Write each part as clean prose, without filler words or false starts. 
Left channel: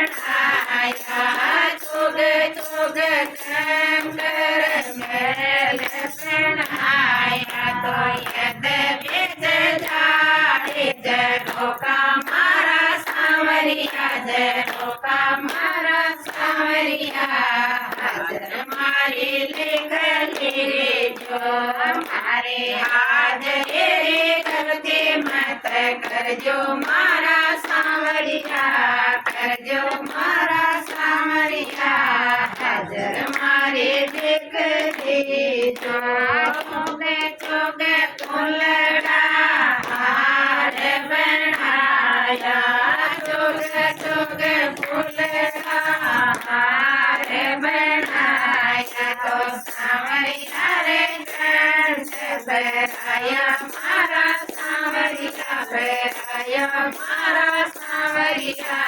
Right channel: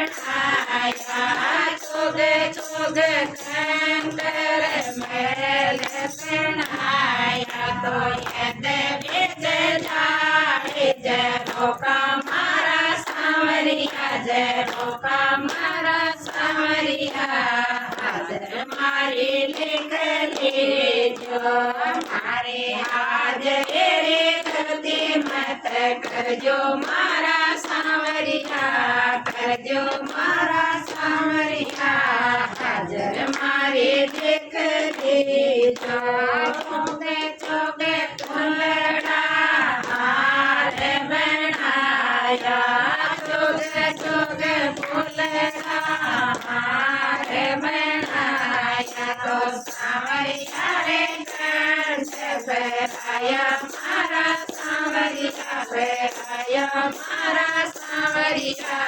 बनाया चुग चुग कंकर महल बनाया तो यद विज जाए जरो का मारा सांवरिया जरो का मारा सांवरिया हाजर मारी लिख रे जो मारे हाजरे रे करते मत करजो मारा सांवरिया करजो मारा सांवरिया हाजर मारे देख दे चोगे चोगे फुलड़ा हार बनाया चोगे चोगे फुलड़ा हार बनाया तो सांवरिया रे कंठ बैठाया मारा सांवरिया बैठाया मारा सांवरिया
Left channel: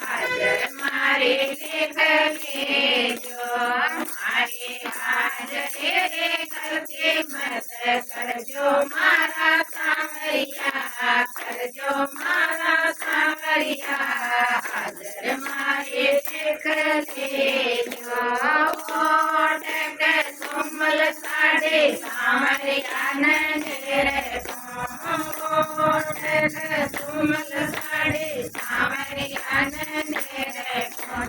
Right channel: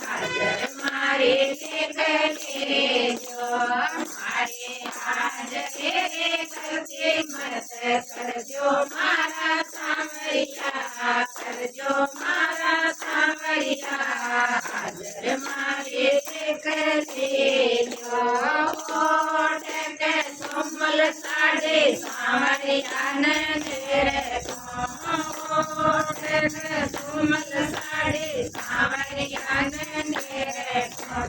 हाजर मारे देख ले जो मारे हाजरे रे करके मत करजो मारा सांवरिया करजो मारा सांवरिया हाजर मारे देख ले जो ओट के सुमल साडे सांवरिया ने घेरे ओट के सुमल साडे सांवरिया ने घेरे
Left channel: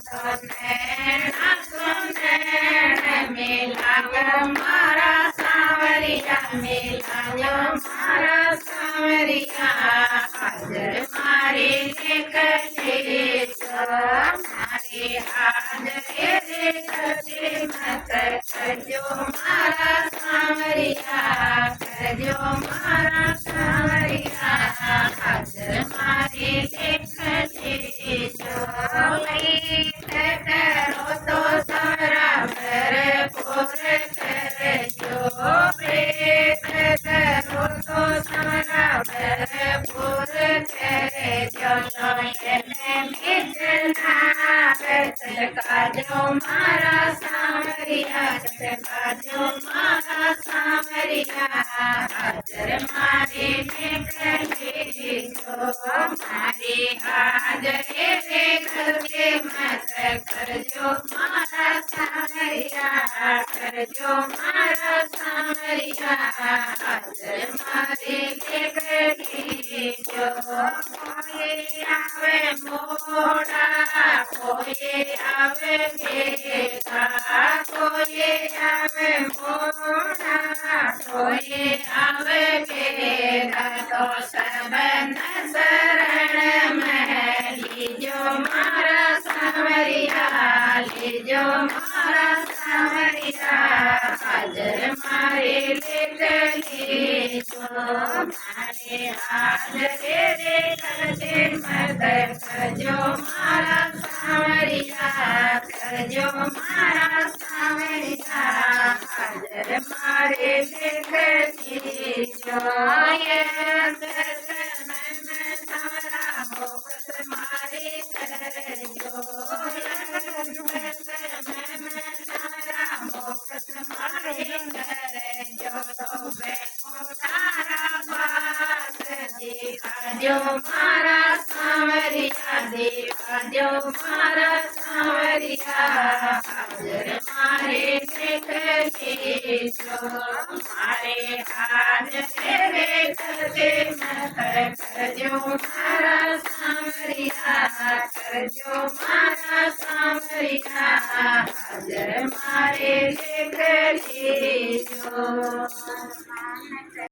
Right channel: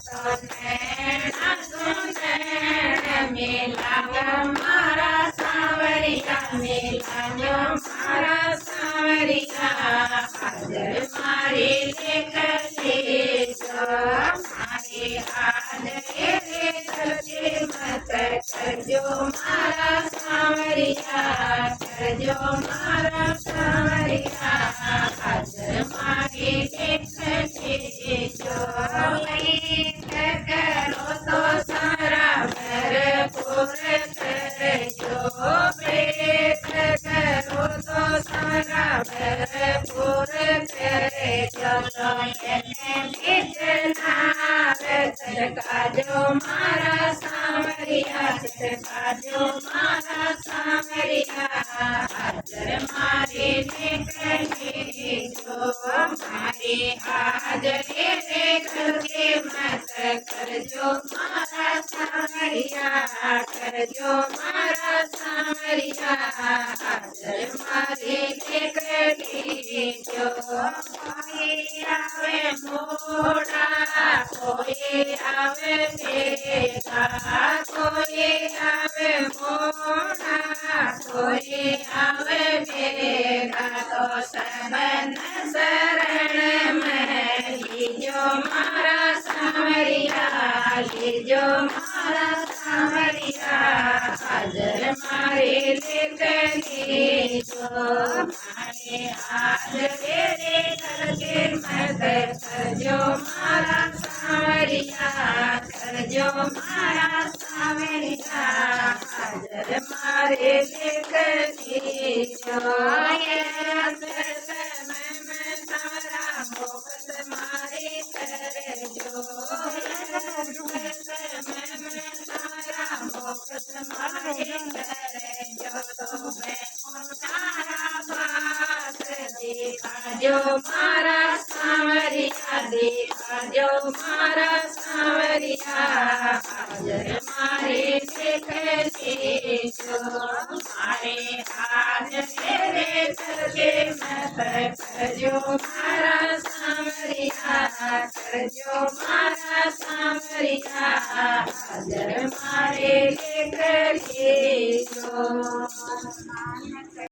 तो नैना सुनैन मिलायो मारा सांवरिया मिलायो मारा सांवरिया हाजर मारे देख ले जो मारे हाजरे रे करके मत करजो मारा सांवरिया करजो मारा सांवरिया हाजर मारे देख ले जो करो तो सारा भरपूर करजो प्रेत करो तो सारा भरपूर करजो तो એને ભેટના કાજો મારા સામરિયા કાજો મારા સામરિયા હાજર મારે દેખલે જો મારે હાજરે રે કરકે મત કરજો મારા સામરિયા કરજો મારા સામરિયા હાજર મારે દેખલે જો કોઈ આવે મોડા કોઈ આવે ભેગા કોઈ આવે મોડા કોઈ આવે ભેગા તો સબન શરણ મેં લીજો મારા सांवरिया લીજો મારા सांवरिया હાજર મારે લેખ લેજો મારે હાજરે રે કરકે મત કરજો મારા सांवरिया કરજો મારા सांवरिया હાજર મારે લેખ લેજો તમારા ભોગત મારે કરજો जो मारा सांवरिया देखाजो मारा सांवरिया हाजर मारे देख ले जो मारे हाजरे रे करके मत करजो मारा सांवरिया करजो मारा सांवरिया हाजर मारे देख ले जो